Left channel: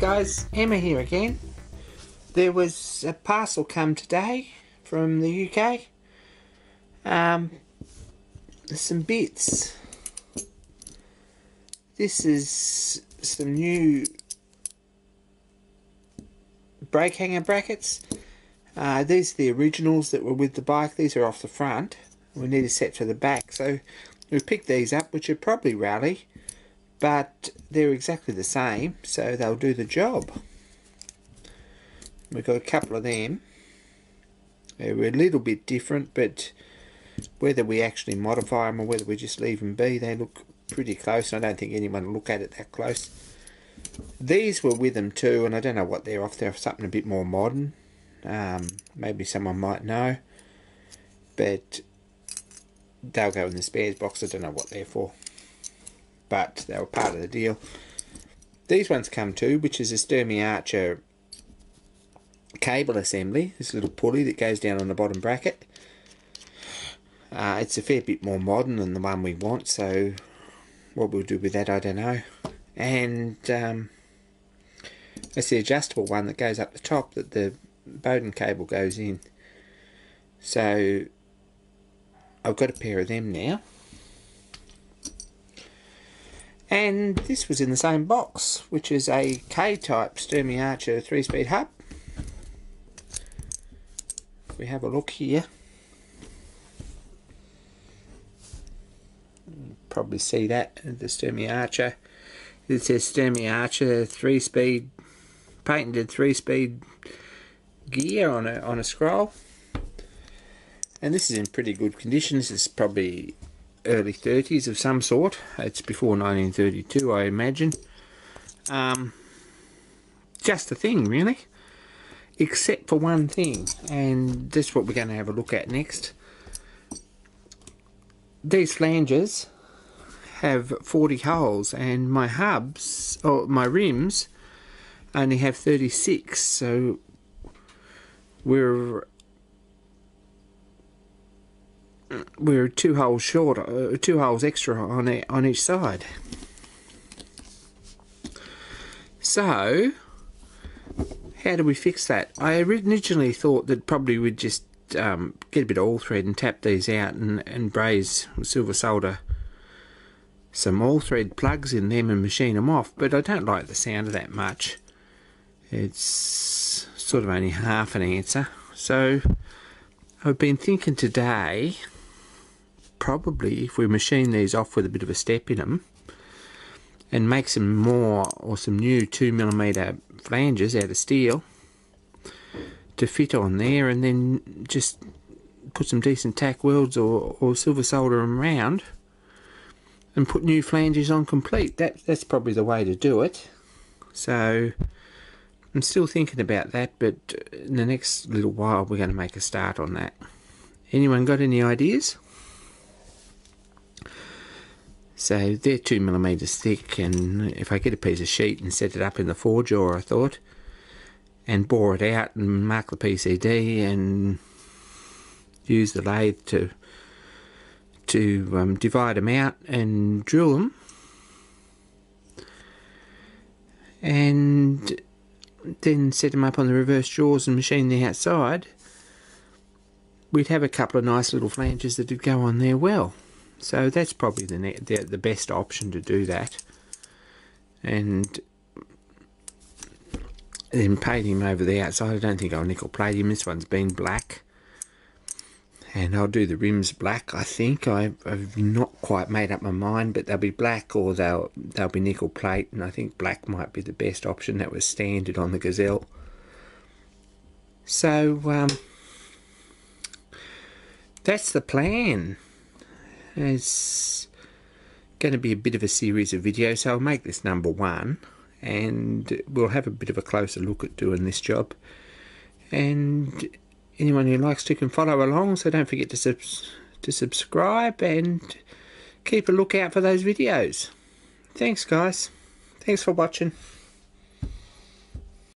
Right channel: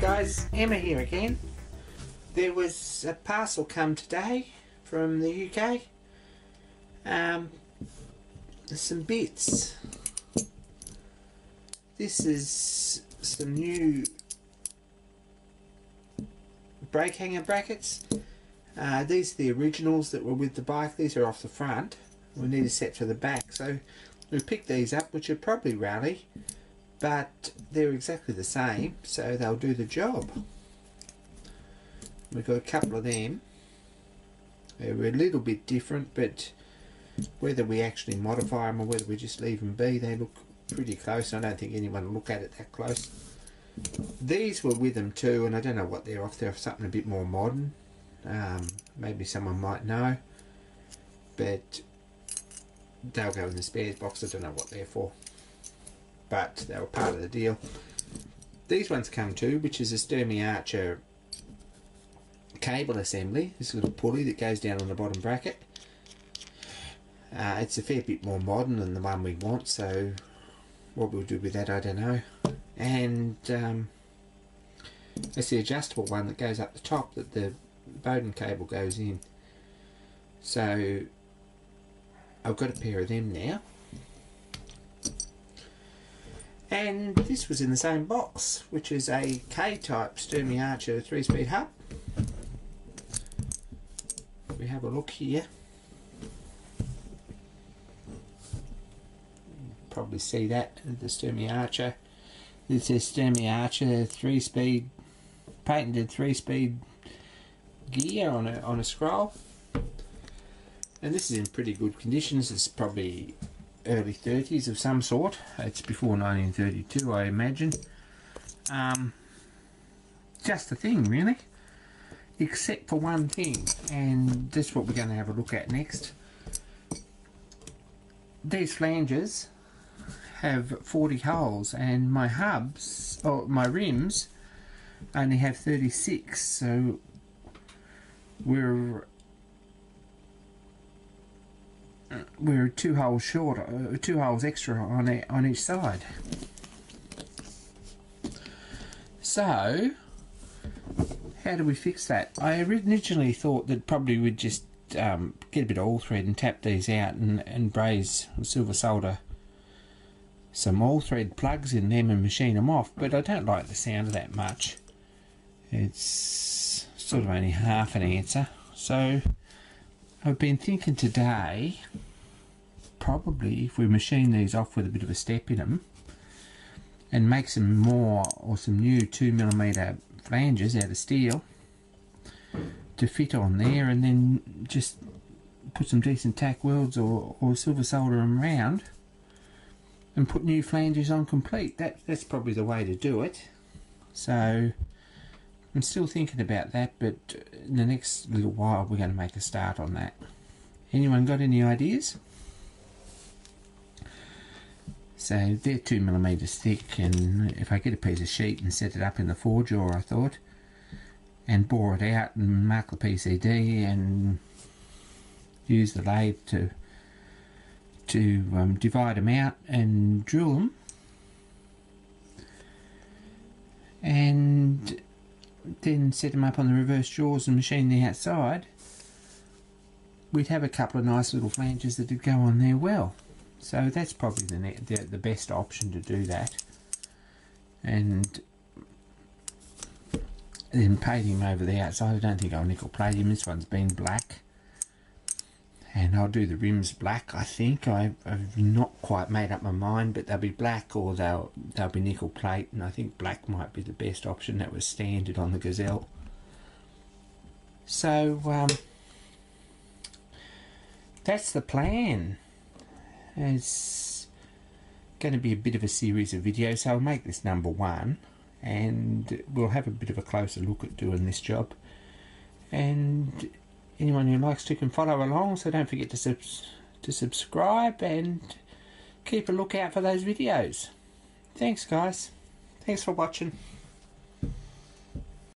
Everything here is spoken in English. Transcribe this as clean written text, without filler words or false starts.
guys, Emma here again. There was a parcel come today from the UK. There's some bits. This is some new brake hanger brackets. These are the originals that were with the bike. These are off the front. We need a set for the back, so we picked these up, which are probably rally, but they're exactly the same, so they'll do the job. We've got a couple of them. They're a little bit different, but whether we actually modify them or whether we just leave them be, they look pretty close. I don't think anyone will look at it that close. These were with them too, and I don't know what they're off. They're something a bit more modern. Maybe someone might know, but they'll go in the spares box. I don't know what they're for, but they were part of the deal. These ones come too, which is a Sturmey-Archer cable assembly. This little pulley that goes down on the bottom bracket. It's a fair bit more modern than the one we want, so what we'll do with that I don't know. And it's the adjustable one that goes up the top that the Bowden cable goes in. So I've got a pair of them now. And this was in the same box, which is a K-type Sturmey-Archer 3-speed hub. We have a look here. Probably see that, the Sturmey-Archer. It says Sturmey-Archer 3-speed, patented 3-speed gear on a scroll. And this is in pretty good condition. This is probably early 30s of some sort. It's before 1932, I imagine. Just a thing, really. Except for one thing, and that's what we're going to have a look at next. These flanges have 40 holes, and my hubs, or my rims, only have 36, so we're 2 holes short, 2 holes extra on each side. So how do we fix that? I originally thought that probably we'd just get a bit of all thread and tap these out and braze with silver solder some all thread plugs in them and machine them off, but I don't like the sound of that much. It's sort of only half an answer. So I've been thinking today, probably if we machine these off with a bit of a step in them and make some more or some new 2mm flanges out of steel to fit on there, and then just put some decent tack welds or silver solder them round and put new flanges on complete. That's probably the way to do it. So I'm still thinking about that, but in the next little while we're going to make a start on that. Anyone got any ideas? So they're 2mm thick, and if I get a piece of sheet and set it up in the 4-jaw, I thought, and bore it out and mark the PCD and use the lathe to divide them out and drill them, and then set them up on the reverse jaws and machine the outside, we'd have a couple of nice little flanges that would go on there well. So that's probably the best option to do that. And then paint him over the outside. I don't think I'll nickel plate him. This one's been black, and I'll do the rims black. I think I've not quite made up my mind, but they'll be black or they'll be nickel plate, and I think black might be the best option. That was standard on the Gazelle. So that's the plan. It's going to be a bit of a series of videos, so I'll make this number 1, and we'll have a bit of a closer look at doing this job. And anyone who likes to can follow along, so don't forget to subscribe and keep a lookout for those videos. Thanks guys, thanks for watching.